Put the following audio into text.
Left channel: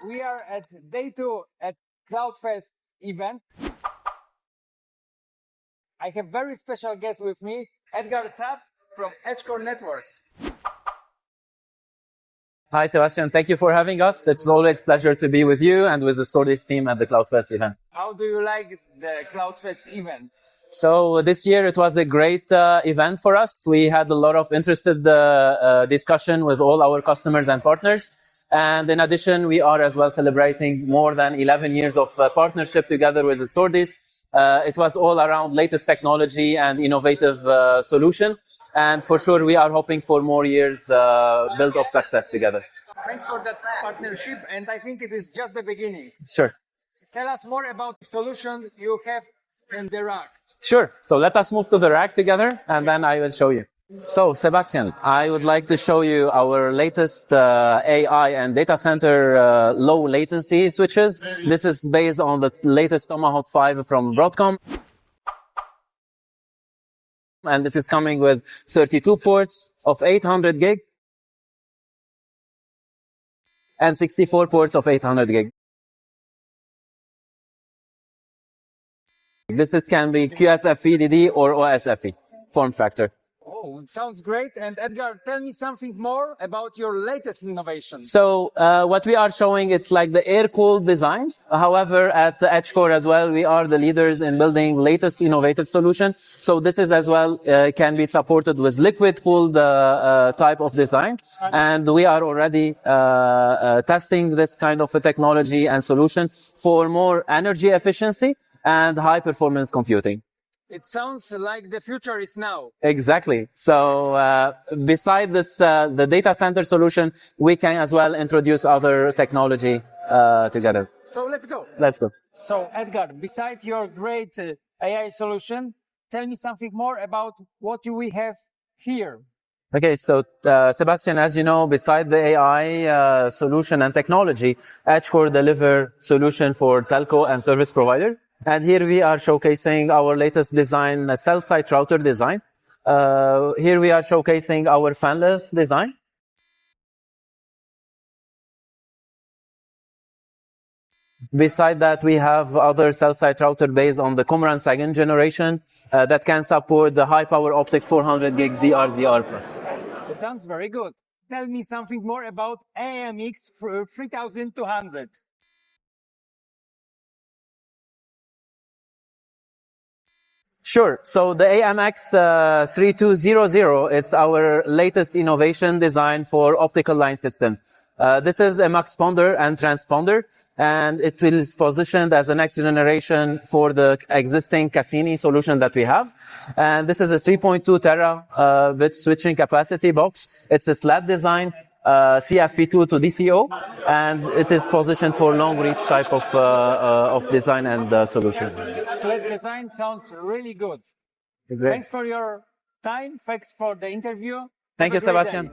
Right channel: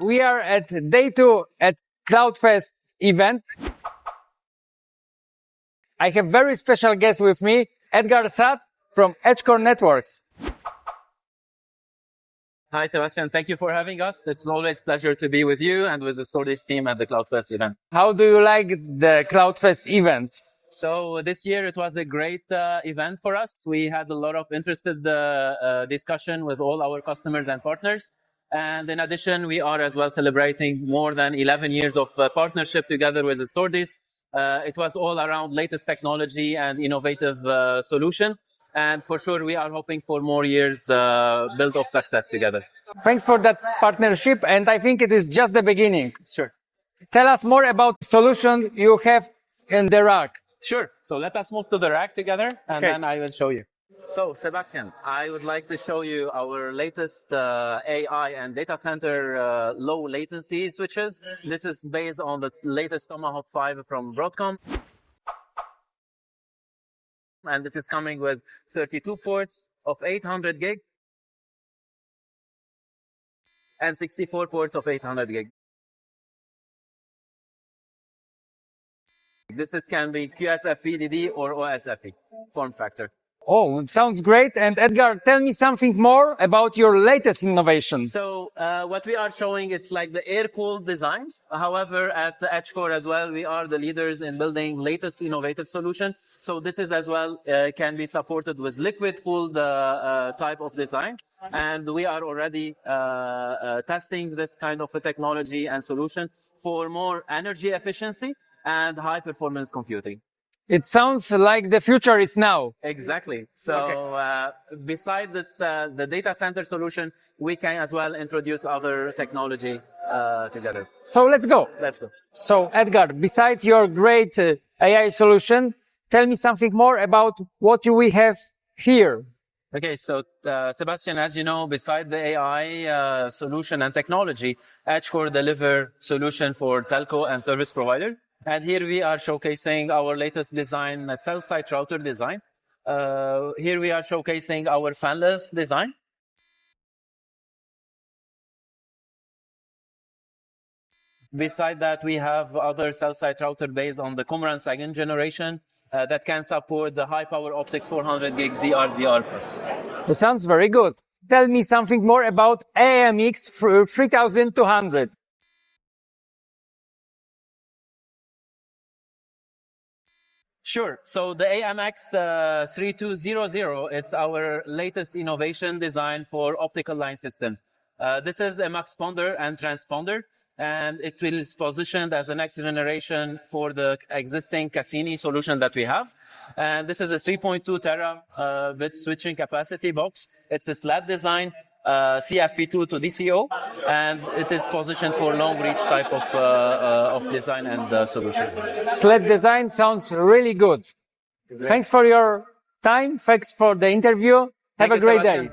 we are at day 2 at Cloudfest event. I have very special guest with me, Edgard from Edgecore Networks. Hi, Sebastian. Thank you for having us. It's always a pleasure to be with you and with the STORDIS team at the Cloudfest event. How do you like the Cloudfest event? So this year it was a great event for us. We had a lot of interested discussion with all our customers and partners. And in addition, we are as well celebrating more than 11 years of partnership together with the STORDIS. It was all around latest technology and innovative solution. And for sure, we are hoping for more years built of success together. Thanks for that partnership, and I think it is just the beginning. Sure. Tell us more about the solution you have in the rack. Sure. So let us move to the rack together, and then I will show you. So, Sebastian, I would like to show you our latest AI and data center low latency switches. This is based on the latest Tomahawk 5 from Broadcom. And it is coming with 32 ports of 800 gig and 64 ports of 800 gig. This can be QSFP-DD or OSFP form factor. Oh, it sounds great. And Edgar, tell me something more about your latest innovation. So what we are showing, it's like the air-cooled designs. However, at Edgecore as well, we are the leaders in building latest innovative solution. So this is as well can be supported with liquid-cooled type of design. And we are already testing this kind of a technology and solution for more energy efficiency and high-performance computing. It sounds like the future is now. Exactly. So beside this, the data center solution, we can as well introduce other technology together. So let's go. Let's go. So Edgar, besides your great AI solution, tell me something more about what we have here. Okay, so Sebastian, as you know, beside the AI solution and technology, Edgecore deliver solution for telco and service provider. And here we are showcasing our latest design, cell site router design. Here we are showcasing our fanless design. Beside that, we have other cell site router based on the Qumran second generation that can support the high power optics 400 gig ZR+. It sounds very good. Tell me something more about AMX3200. Sure. So the AMX3200, it's our latest innovation design for optical line system. This is a muxponder and transponder, and it is positioned as the next generation for the existing Cassini solution that we have. And this is a 3.2 terabit switching capacity box. It's a slab design, CFP2 to DCO, and it is positioned for long reach type of design and solution. Sled design sounds really good. Great. Thanks for your time. Thanks for the interview. Have a great day.